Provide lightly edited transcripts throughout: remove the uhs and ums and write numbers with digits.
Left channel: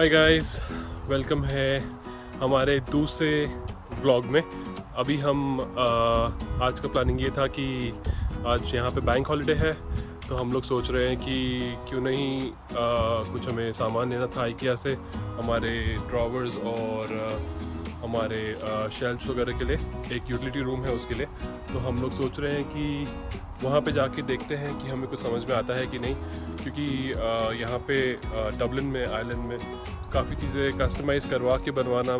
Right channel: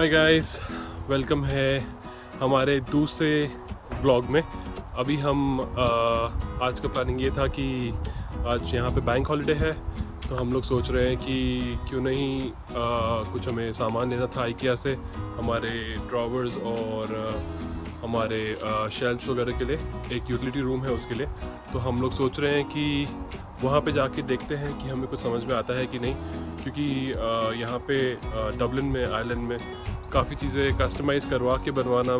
Hi guys, welcome है हमारे दूसरे व्लॉग में। अभी हम आज का प्लानिंग ये था कि आज यहाँ पे बैंक हॉलिडे है, तो हम लोग सोच रहे हैं कि क्यों नहीं कुछ हमें सामान लेना था IKEA से, हमारे ड्रॉवर्स और हमारे शेल्फ्स वगैरह के लिए। एक यूटिलिटी रूम है उसके लिए, तो हम लोग सोच रहे हैं कि वहाँ पे जाके देखते हैं कि हमें कुछ समझ में आता है कि नहीं, क्योंकि यहाँ पे डबलिन में, आयरलैंड में काफ़ी चीज़ें कस्टमाइज़ करवा के बनवाना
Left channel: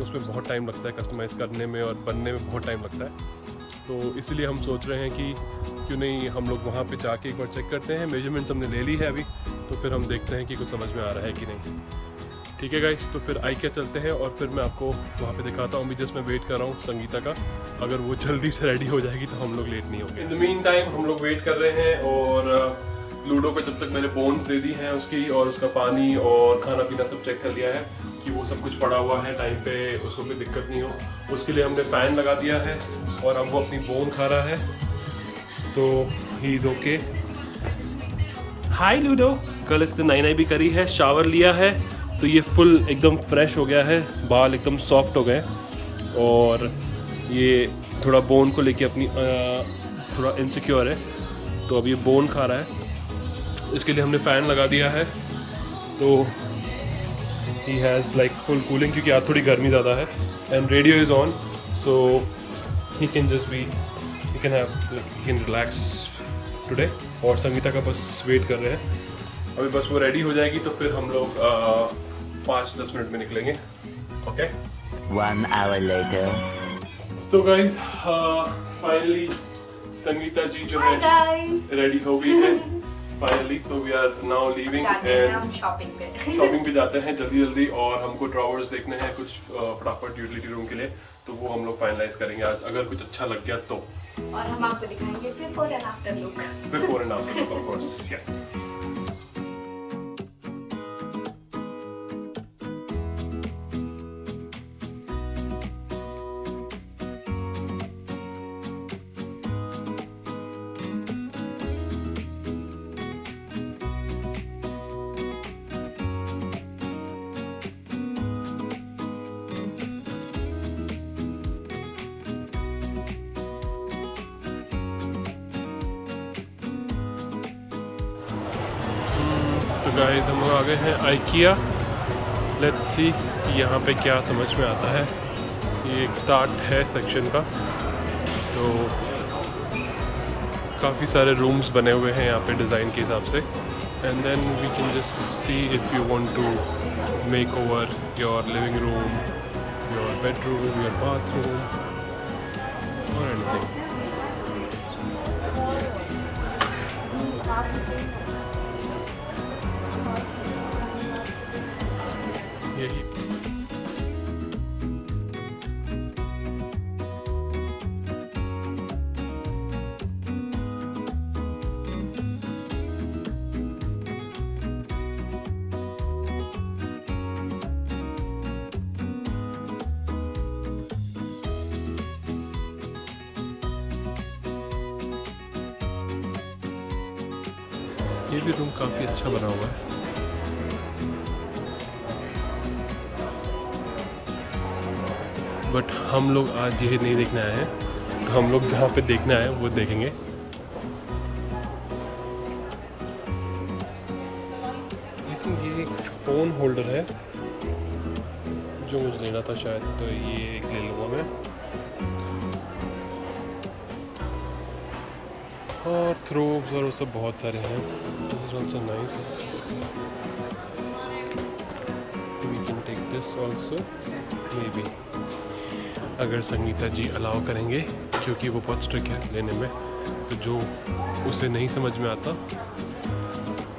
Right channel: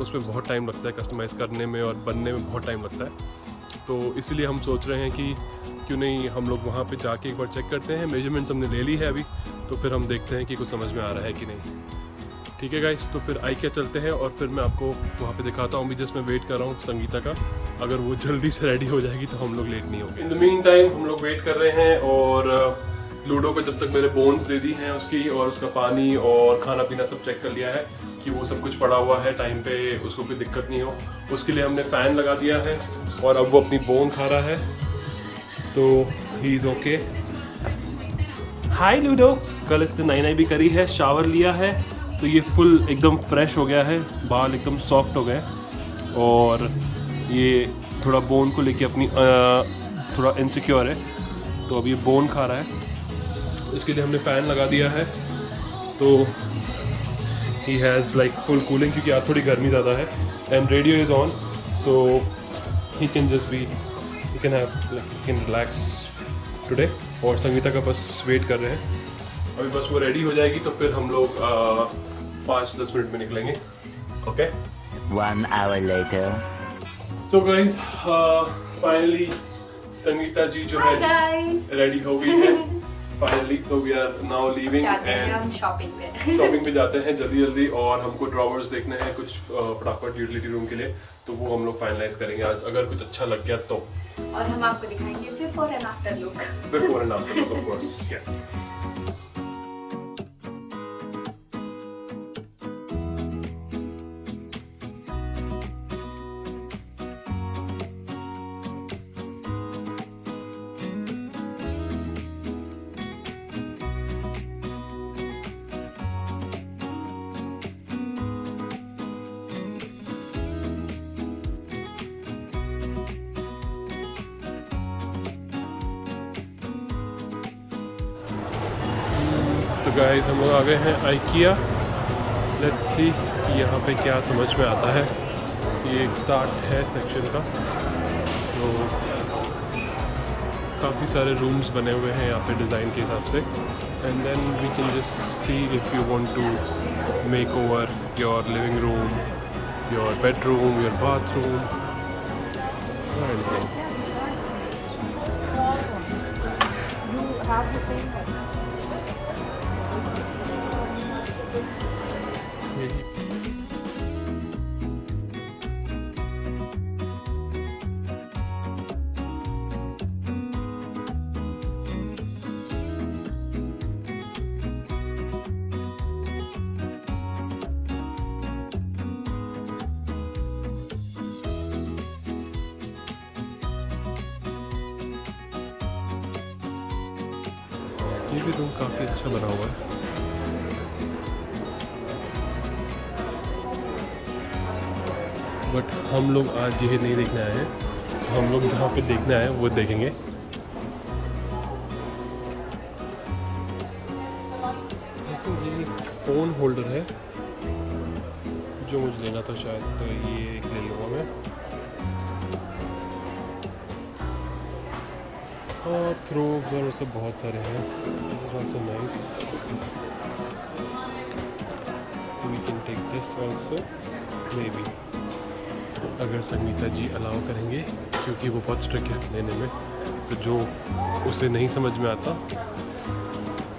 उसमें बहुत टाइम लगता है, कस्टमाइज़ करने में और बनने में बहुत टाइम लगता है। तो इसीलिए हम सोच रहे हैं कि क्यों नहीं हम लोग वहाँ पे जाके एक बार चेक करते हैं। मेजरमेंट्स हमने ले ली है अभी, तो फिर हम देखते हैं कि कुछ समझ में आ रहा है कि नहीं। ठीक है गाइस, तो फिर IKEA चलते हैं और फिर मैं आपको वहाँ पे दिखाता हूँ। अभी जस्ट मैं वेट कर रहा हूँ संगीता का, अगर वो जल्दी से रेडी हो जाएगी तो हम लोग लेट नहीं होंगे। इन द मीन टाइम हम लोग वेट कर रहे हैं और लूडो को जब तक मेरे बोन्स दे दी हैं उसकी, और उसका पानी और खाना पीना सब चेक कर लिया है कि वो सब कुछ पड़ा हुआ है टाइम पे, उसको कोई दिक्कत नहीं हो। उसके लिए हमने फ़ैन लगा दिया है और अब वो अपनी बोन खा रहा है, तो he is okay. Hi ludo, कल इसने नाई भी करी है, शावर लिया है, तो ये फुल एकदम फ्रेश हो गया है, बाल एकदम सॉफ्ट हो गए और ये थोड़ा बोन को लेके अपनी थोड़ा इनसिक्योर है, तो अब ये बोन खा रहा है। इसके लिए हमने फ़ैन लगा दिया है, तो he has like full cooling, क्योंकि आज थोड़ी गर्मी ज़्यादा है। And radio is on, so he can just be, he can have like, he can relax today. और संगीता का बस वेट कर रहे हैं, अभी बस वो रेडी हो जाएगी तो फिर हम लोग 5-10 मिनट में निकलेंगे। Okay, 1 hour later. तो गाइस फाइनली संगीता जी जो है रेडी हो गई है फाइनली, तो we are now leaving and हम शॉपिंग पे जाते हैं जल्दी जल्दी। और हमको ड्रॉवर्स देखने हैं कुछ फटाफट यूटिलिटी रूम के लिए, तो वो हम लोग फाइनलाइज करेंगे आज, अगर कुछ अच्छा लग गया तो। और हम आपको दिखाएंगे before and after look. Before and after look, of course, या। तो गाइस हम लोग आ गए हैं IKEA। लेट्स सी कि यहाँ पे क्या समझ में आता है। ये एक स्टार्ट है सेक्शन का, तो काफ़ी सारे रूम्स बने हुए हैं यहाँ पे डिज़ाइन के हिसाब से। And then we can just see if you want to make over your living room, your bedroom, your bathroom और एनीथिंग। यही ये भी रूम काफ़ी अच्छा बना हुआ है। बट हम लोग आज ये नहीं देखने आए हैं, तो हम लोग जहाँ पे देखने आए हैं वो देखेंगे। आई थिंक ये एक फ़ोन होल्डर है जो मुझे लेना था शायद, तो ये एक ले लूँगा मैं। और थ्रोब्स और सब बहुत सारे हैं। This is also nice, we can take this also may be, अगर संगीता जी अलाउ करेंगे, क्योंकि वो बहुत स्ट्रिक्ट है लेने में, तो जो उसे नहीं समझ में आता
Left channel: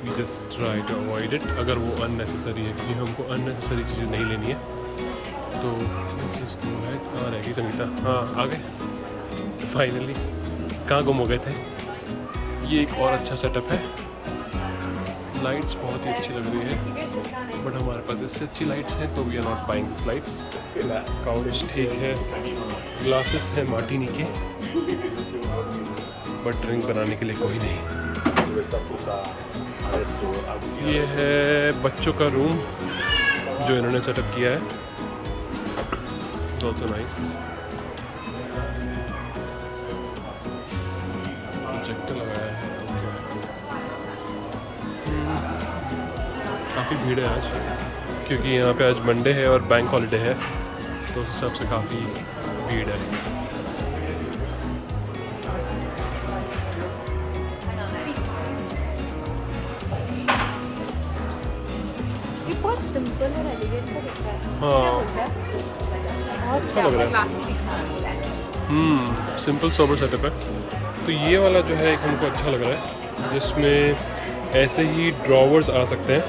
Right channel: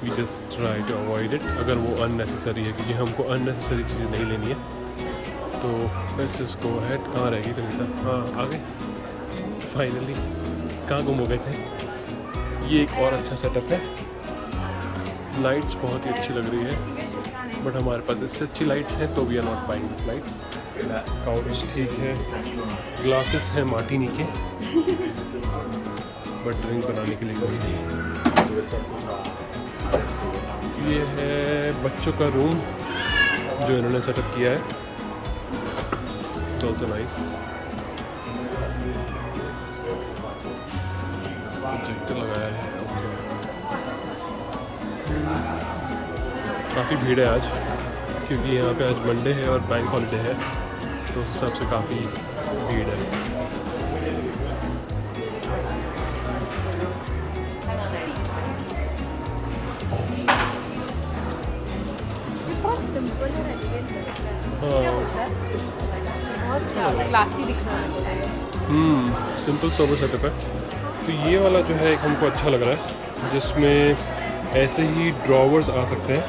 we just try to avoid it, अगर वो अननेसेसरी है, क्योंकि हमको अननेसेसरी चीज़ें नहीं लेनी है। तो लेट्स जस्ट गो अहेड। कहाँ रहेगी संगीता? हाँ, आ गए फाइनली। कहाँ गुम हो गए थे? ये एक और अच्छा सेटअप है, लाइट्स बहुत ही अच्छी लग रही है, बट हमारे पास इससे अच्छी लाइट्स हैं, तो we are not buying this lights. Couch ठीक है, ग्लासेस हैं मार्टिनी के, बट ड्रिंक बनाने के लिए कोई नहीं। ये है बच्चों का रूम, जो इन्होंने सेटअप किया है, इट्स ऑल्सो नाइस। प्रोजेक्टर लगाया है, ओके। काफ़ी भीड़ है आज, क्योंकि यहाँ पे आज मंडे है और बैंक हॉलिडे है, तो उस हिसाब से काफ़ी भीड़ है। ये बहुत सिंपल है, एलिगेंट है। हाँ, क्या लग रहा है। क्लासी दिखना है। सिंपल सोबर सेटअप है। तो ये वाला जो है एक हमको अच्छा लग रहा है, जिसमें ऐसे ही ड्रॉवर्स आ सकते हैं।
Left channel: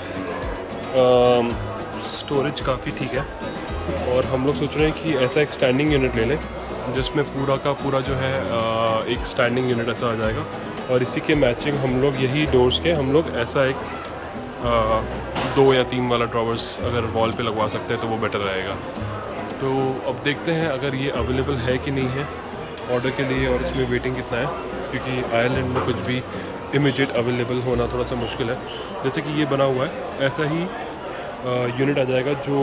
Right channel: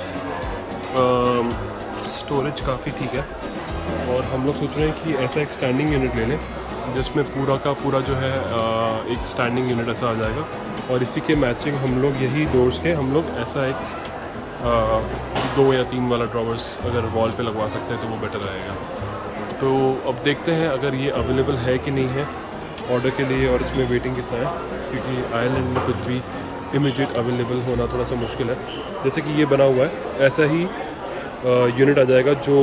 स्टोरेज काफ़ी ठीक है, और हम लोग सोच रहे हैं कि ऐसा एक स्टैंडिंग यूनिट ले लें, जिसमें पूरा का पूरा जो है एक स्टैंडिंग यूनिट ऐसा आ जाएगा, और इसी के मैचिंग हम लोग यही डोर्स के हम लोग ऐसा एक 2 या 3 वाला ड्रॉवर्स अगर वॉल पे लगवा सकते हैं तो वो बेटर रहेगा। तो अब देखते हैं अगर ये अवेलेबल है कि नहीं है ऑर्डर के लिए, और इसमें वेटिंग कितना है, क्योंकि आयरलैंड में कुछ भी इमीडिएट अवेलेबल होना थोड़ा सा मुश्किल है। जैसे कि ये बना हुआ है, ऐसा ही यूनिट आ जाएगा जो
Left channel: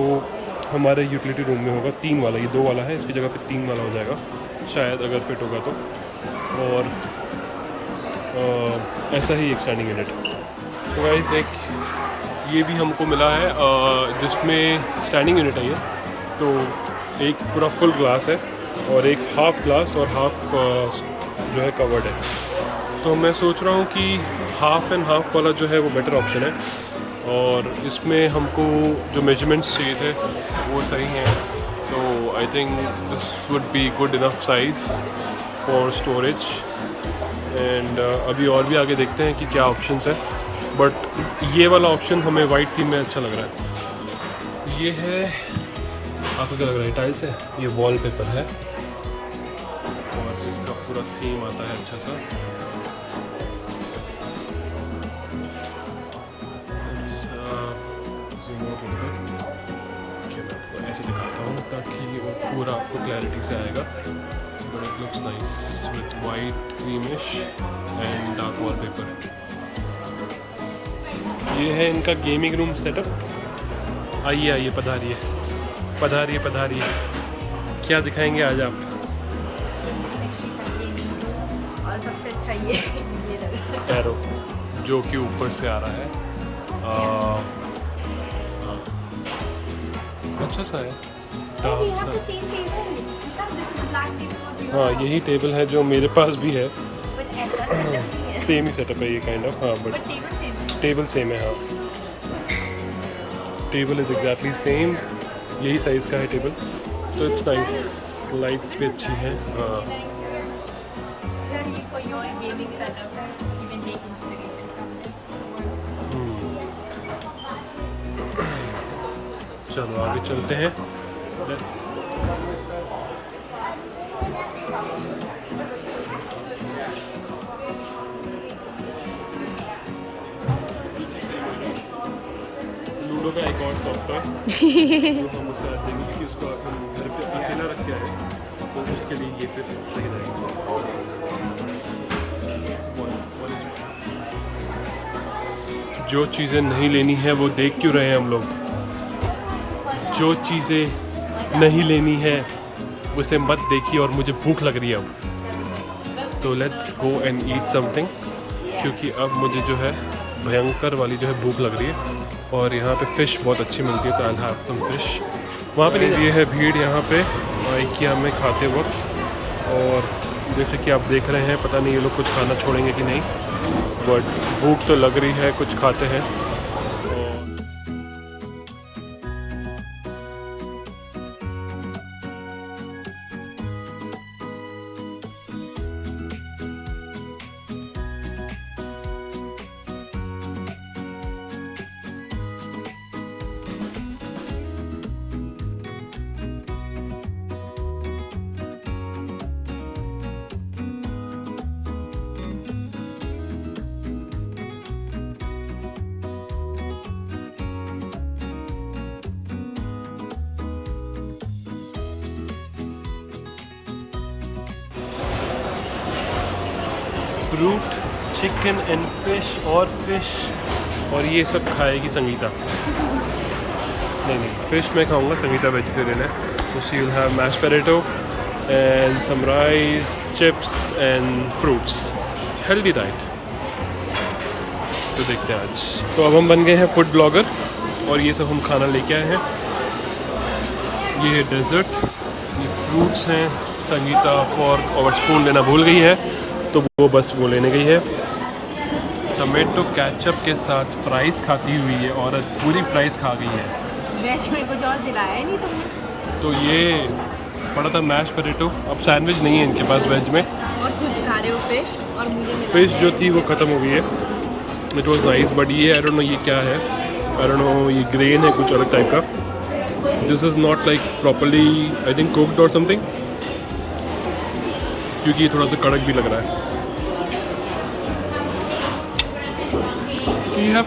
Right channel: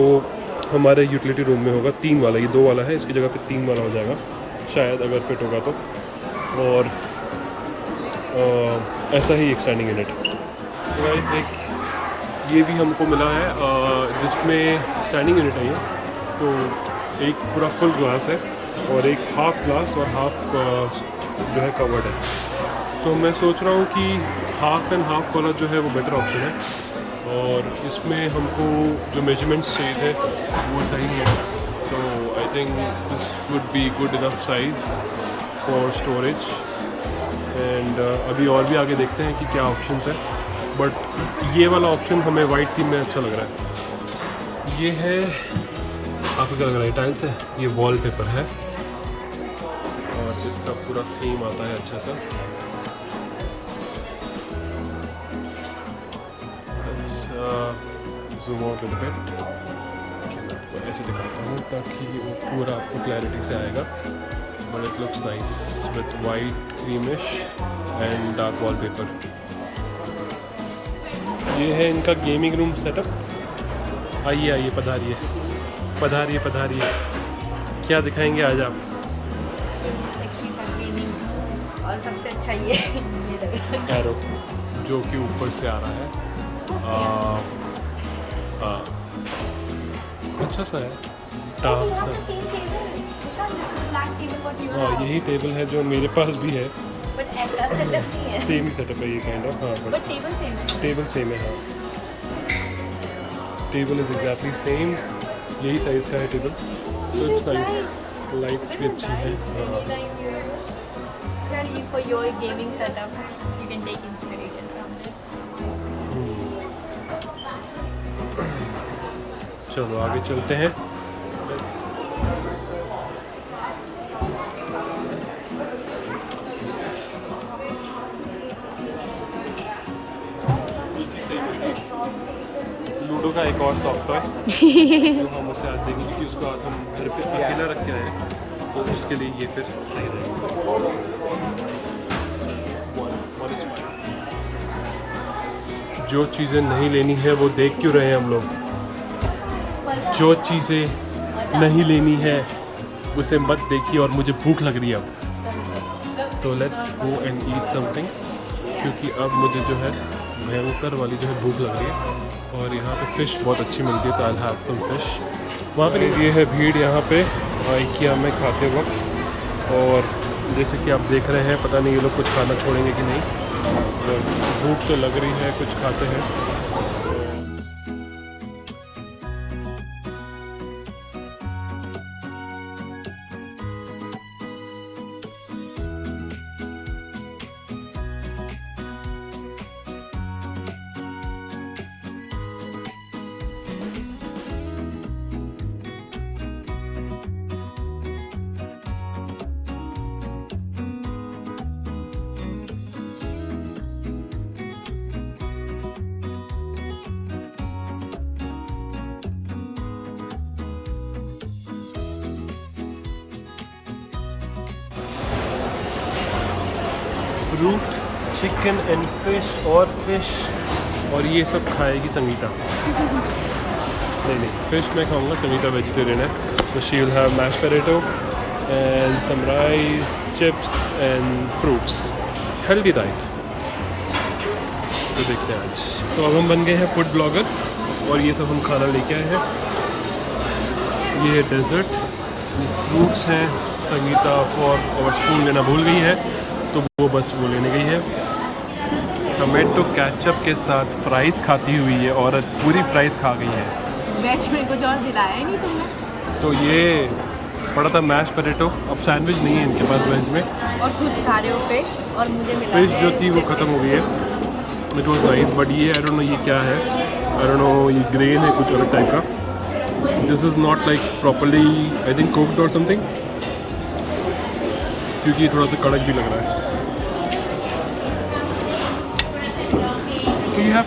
हमारे यूटिलिटी रूम में होगा, 3 वाला। ये 2 वाला है, इसकी जगह पे 3 वाला हो जाएगा शायद, अगर फिट होगा तो। और ऐसा ही एक स्टैंडिंग यूनिट। तो गाइस एक ये भी हमको मिला है, जिसमें स्टैंडिंग यूनिट है ये। तो एक पूरा फुल ग्लास है, और एक हाफ ग्लास और हाफ जो है कवर्ड है। तो मैं सोच रहा हूँ कि हाफ एंड हाफ वाला जो है वो बेटर ऑप्शन है, और इसमें हमको जो मेजरमेंट्स चाहिए थे वो सही हैं। तो I think this would be good enough size for storage. And अभी और भी आगे देखते हैं कि क्या ऑप्शंस है, बट ये वाला ऑप्शन हमें वाइट थीम में अच्छा लग रहा है। ये है, आपको क्या लग रहा है, टाइल्स है, ये वॉलपेपर है, और इसका पूरा थीम आता है अच्छा सा। ज़ूम आउट लिटिल बिट, कि मैं आपको ऐसे दिखाता हूँ ताकि वो पूरा आपको क्लैरिटी से आएगा। But it looks nice with white creamish and dark wallpaper. ये है इनका गेमिंग रूम सेटअप। आइए आइए, पधारिए पधारिए पधारिए। क्या दिखाएंगे आज आप? और सबसे अच्छा ये एरो, जो कि ऊपर से आ रहा है। अच्छा सा है, डार्क सा। हाँ, यही टेबल है जो मेरे पास भी है, सेम ही सेटअप है ये काइंड ऑफ। हाँ, बट टेबल सेम है। हाँ, टेबल इज़ एग्जैक्टली सेम, यही साइज़ का है टेबल। तो इट्स नाइस, लाइट्स भी अच्छी हैं। हाँ, for your gaming setup, you can take inspiration from this. चलो आगे चलते हैं। लूडो का एक और सॉफ्ट टॉय जो हम उसे आज देंगे, क्योंकि उसको आज हम घर पे अकेला रख के आए हैं, तो उसके लिए ये फिर सही रहेगा। One is fine. जो चीज़ें नहीं लेनी है वो देख क्यों रहे हैं हम लोग? जो चीज़ें नहीं लेनी है उसे मत देखिए, और मुझे भूख लग रही है अब, तो let's go and eat something, क्योंकि अब मुझे जो है भयंकर वाली जो है भूख लग रही है। और यहाँ पे फ़िश बहुत अच्छी मिलती है, तो I will have some fish. वहाँ पे ये है भीड़ यहाँ पे IKEA में खाते वक्त, और जैसे कि आप देख रहे हैं, पता नहीं ये लोग कुछ खाना छोड़ेंगे कि नहीं, बट भूख तो लग रही है, कुछ खाते हैं। फ्रूट, चिकन एंड फिश, और ये सब खाएगी संगीता। नहीं, फिश मैं खाऊंगा, संगीता वेजिटेरियन है, तो she will have mash potato and some rice, chips and fruits, healthy diet. तो देखते हैं आज। तो अब हम बन गए हैं फूड ब्लॉगर और ये सब हम खाना लेके आए हैं। ये है डेजर्ट, ये फ्रूट्स हैं, संगीता फॉर्क और स्पून लेना भूल गई है तो वो बस वो लेने गई है। टमाटो केचप के साथ फ्राइज़ खाती हुई है औरत, पूरी फ्राइज़ खा गई है। वेज में कुछ और दिलाया ही नहीं तुमने। तो ये पड़ा था मैश पोटैटो, अब सैंडविच नहीं है इनके पास वेज में। और खुद खा रहे हो फिश और मुझे मिला फिश जो थी वो ख़त्म हो गई है। इट वॉज नाइस, बट ये आई डोंट नो ये क्या है, आई डोंट नो, ये ग्रेन है कुछ अलग टाइप का। This is not like properly I think cooked और समथिंग, क्योंकि ये थोड़ा सा कड़क भी लग रहा है। तो यू हैव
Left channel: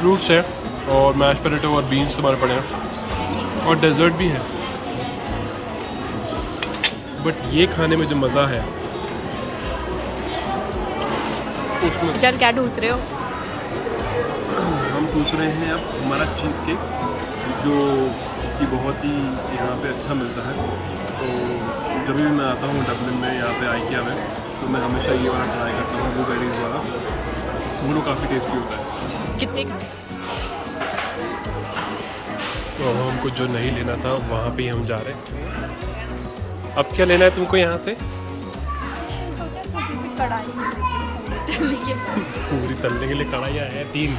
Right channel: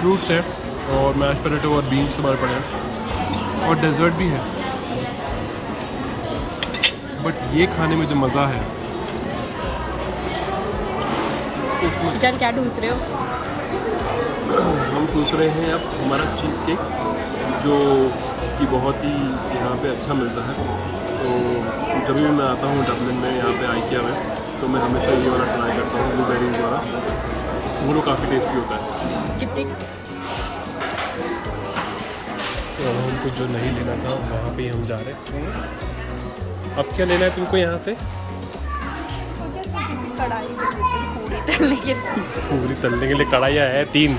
फ्रूट्स है और मैश पोटैटो और बीन्स तुम्हारे पड़े हैं और डेजर्ट भी है। बट ये खाने में जो मज़ा है उसमें चल क्या ढूंढ रहे हो? हम पूछ रहे हैं अब हमारा चीज़ केक, जो कि बहुत ही यहाँ पे अच्छा मिलता है। तो जब भी मैं आता हूँ डबलिन में, यहाँ पे आइकिया में, तो मैं हमेशा ये वाला ट्राई करता हूँ, ब्लूबेरीज वाला। वो लोग काफ़ी टेस्टी होता है। कितने का? तो अब हमको जो नहीं लेना था वहाँ पे ही हम जा रहे हैं। अब क्या लेना है तुमको यहाँ से? सोचा छोटी सी कढ़ाई में लेके पूरी तलने के लिए। पूरी तलने के लिए कढ़ाइयाँ है 3।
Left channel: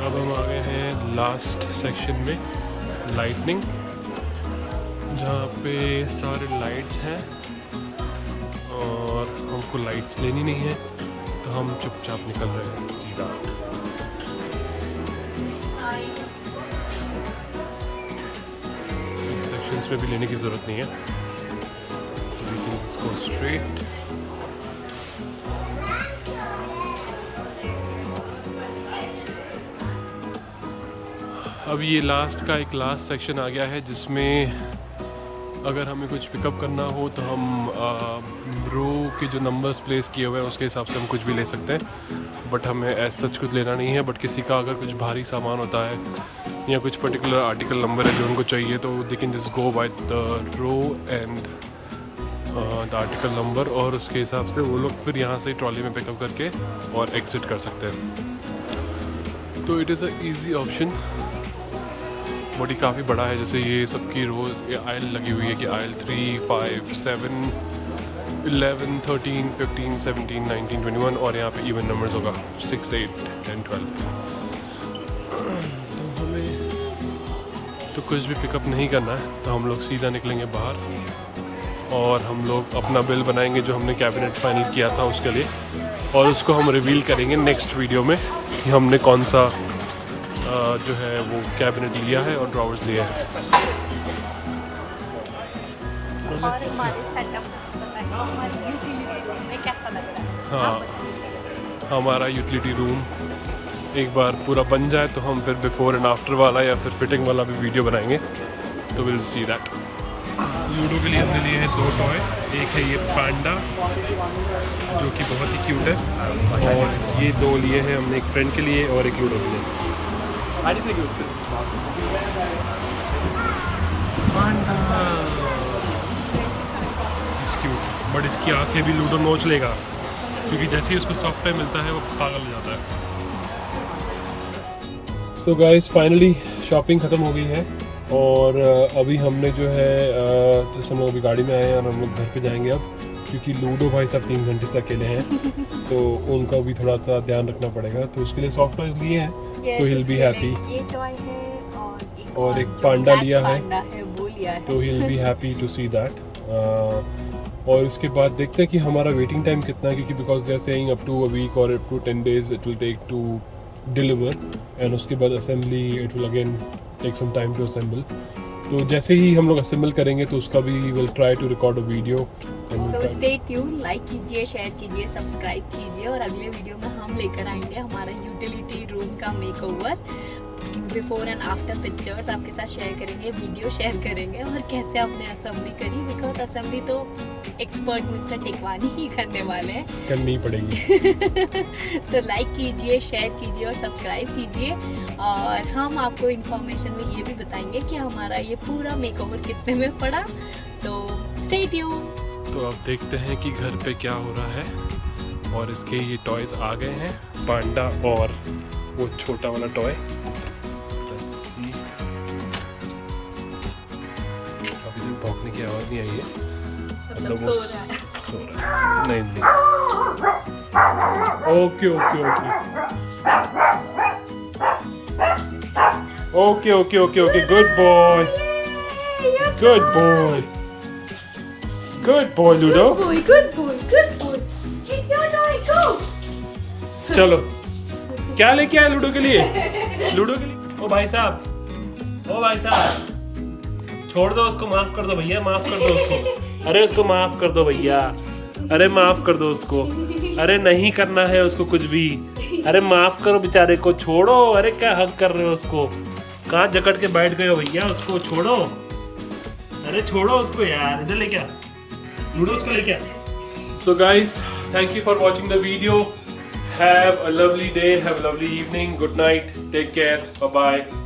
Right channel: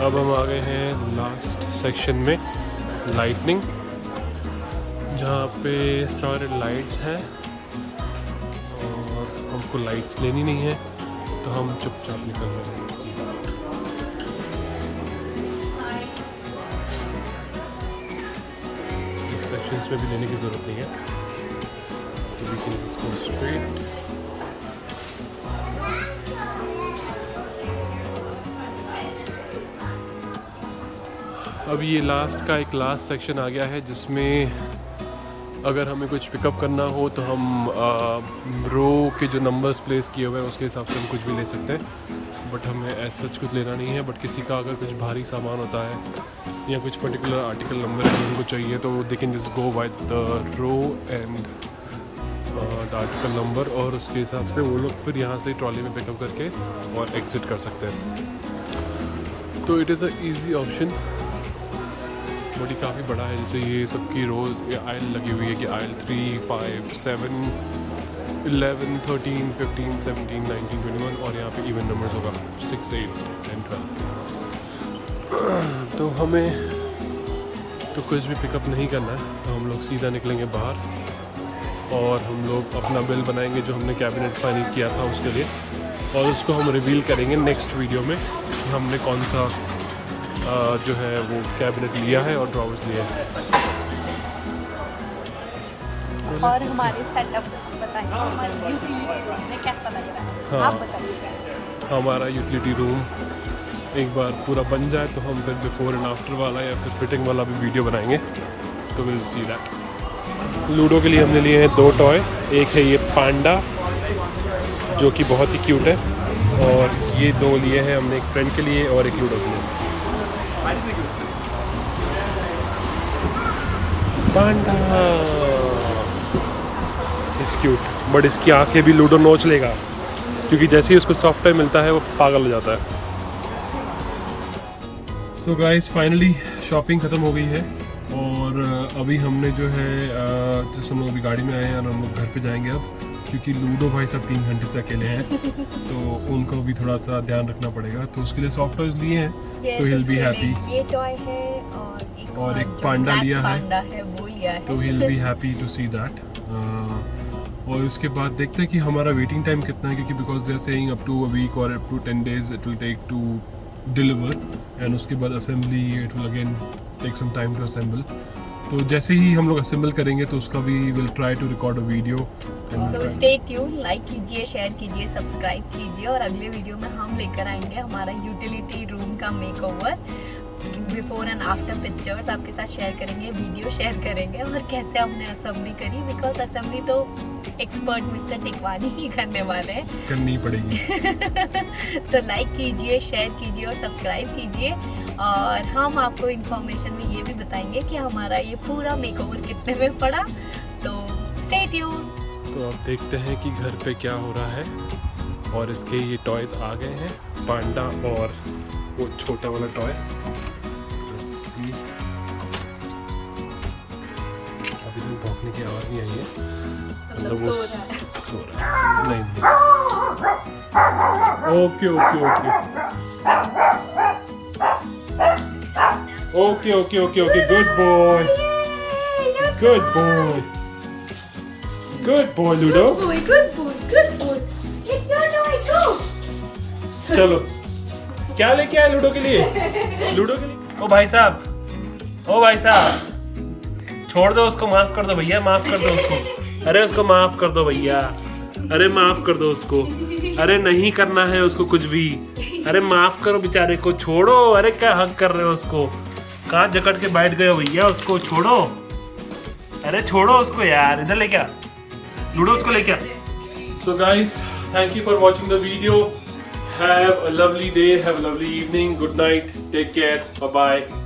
अब हम आ गए हैं लास्ट सेक्शन में, लाइटनिंग, जहाँ पे सारे लाइट्स हैं और हमको लाइट्स लेनी नहीं है तो हम चुपचाप निकल रहे हैं सीधा। इस सेक्शंस में भी लेने की ज़रूरत नहीं है, तो we can just go straight. अब ये लास्ट का एक लास्ट सेक्शन आ गया है, जिसमें अगर हमें कुछ पिकअप करना हो तो हम रो के जो नंबर्स प्लेस किए हुए हैं उसके हिसाब से हम कुछ भी ले सकते हैं। बट हमें ऐसा सच कुछ लेना नहीं है। बट किसी का अगर कुछ भारी सामान होता है या कुछ पर्टिकुलर आर्टिकल नंबर है जो उनको चाहिए, तो they can just go by the row and the article number, और उसके हिसाब से वो लोग फिर यहाँ से ट्रॉली में पिकअप करके और एग्ज़िट कर सकते हैं। तो it is a easy option, but ये काफ़ी बड़ा है। जैसे ये सबकी रोज़ ये आयल लगी हुई है कि आयल 3, 5, 7, 11, 13, 15, 17, 19, 21, और यहाँ पे इवन नंबर्स होगा 6, 8, 10, 12। तो हमें तो कुछ भी पिकअप नहीं करना है, तो हम लोग सीधा निकलेंगे बाहर और हम लोग अपना बिल बनाएंगे जो हमने कैबिनेट फाइनल किया था उसके लिए, और उसको हम रिवील करेंगे नेक्स्ट वीडियो में कि हमने कौन सा जो है वो कैबिनेट लिया है और ड्रॉवर्स लिए हैं। तो और हमारी सेटअप बताइए, हमारी यूटिलिटी रूम में कैसा लग रहा है? हाँ, आप बताइए। हमारा यूटिलिटी रूम एक बार पूरा बन जाए तो हम फिर बिफोर एंड आफ्टर वाला या फिर फिटिंग वाला भी वीडियो बनाएंगे, तो विल सी दैट। लूडो के लिए हमने लिए हैं 2 टॉय। एक है ये पांडा जो कि बहुत ही क्यूट है, और ये 2 लिए हैं हमने, एक फ्रेंड के लिए और एक लूडो के लिए। पांडा इस क्यूट, बट इसकी आंखें भी लूडो नोच लेगा, क्योंकि जैसे ही उसको सॉफ्टवेयर मिलता है वो पागल हो जाता है। सो गाइस, फाइनली शॉपिंग ख़त्म हो गई है, और अभी हमने जो है जैसे हम लोग अभी गाड़ी में आए हैं और हम लोग घर पे जाएंगे अब, क्योंकि लूडो भाई साहब 3 घंटे से अकेले हैं तो उनका भी थोड़ा सा ध्यान रखना पड़ेगा, तो उसके लिए सॉफ्ट टॉयज लिए हैं, तो ही विल बी हैप्पी। ये टॉय है और एक पांडा लिया है, वो लिया है, तो he will be happy to see that. और इसके बाद देखते हैं कि हमारा वेटिंग टाइम कितना है, क्योंकि because they are saying up to a week और up to 10 days it will take to deliver, and उसके बाद assembly it will again take some time to assemble. तो जैसे ही हम लोग असेंबल करेंगे तो उसका भी will try to record a video. So stay tune, like कीजिए, शेयर कीजिए, सब्सक्राइब कीजिए, और अगले वीडियो में हम लेकर आएंगे हमारा यूटिलिटी रूम का makeover. Before and after pictures आपके साथ शेयर करेंगे, वीडियो शेयर करेंगे और कैसे हमने असेंबली करी, बिकॉज असेंबली तो एक्सपर्ट मिस्टर टिकवानी ही करने वाले हैं। करनी पड़ेगी। तो लाइक कीजिए, शेयर कीजिए और सब्सक्राइब कीजिए। और हम आपको इन्फॉर्मेशन में ये भी बताएंगे कि हमारा ये पूरा मेकओवर कितने में पड़ा। तो स्टे ट्यून। तो अब देखते हैं कि घर पे क्या हो रहा है। और इसके ये टॉयज आ गए हैं, पांडा और वो छोटा वाला टॉय। Let's see। अभी तक भौंकने की आवाज़ नहीं आई है, मतलब वो सो रहा है। नहीं नहीं, okay okay okay okay okay okay, good boy, good boy, good boy ludo. Good boy. Take your toy, go. चलो, क्या लेके आए लूडो के लिए? लूडो के लिए? ओ भाई साहब, ओ भाई साहब, छोड़ दो उसको, माफ कर दो भैया, माफ कर दो उसको। अरे उसको माफ कर दो भैया, अरे माफ कर दो उसको, अरे नहीं करना है उसको कुछ भी, अरे माफ करो बेचारे को, छोड़ो। अरे क्या हक कर रहे हो उसको, कहाँ जकड़ के बैठ गए हो भैया, उसको छोड़ो। अरे छोड़ो उसको यार, इधर लेके आ लूडो, उसको लेके आ। So guys, thank you for watching the video. Have a lovely day, have a lovely evening. Good night. Take care. Bye bye.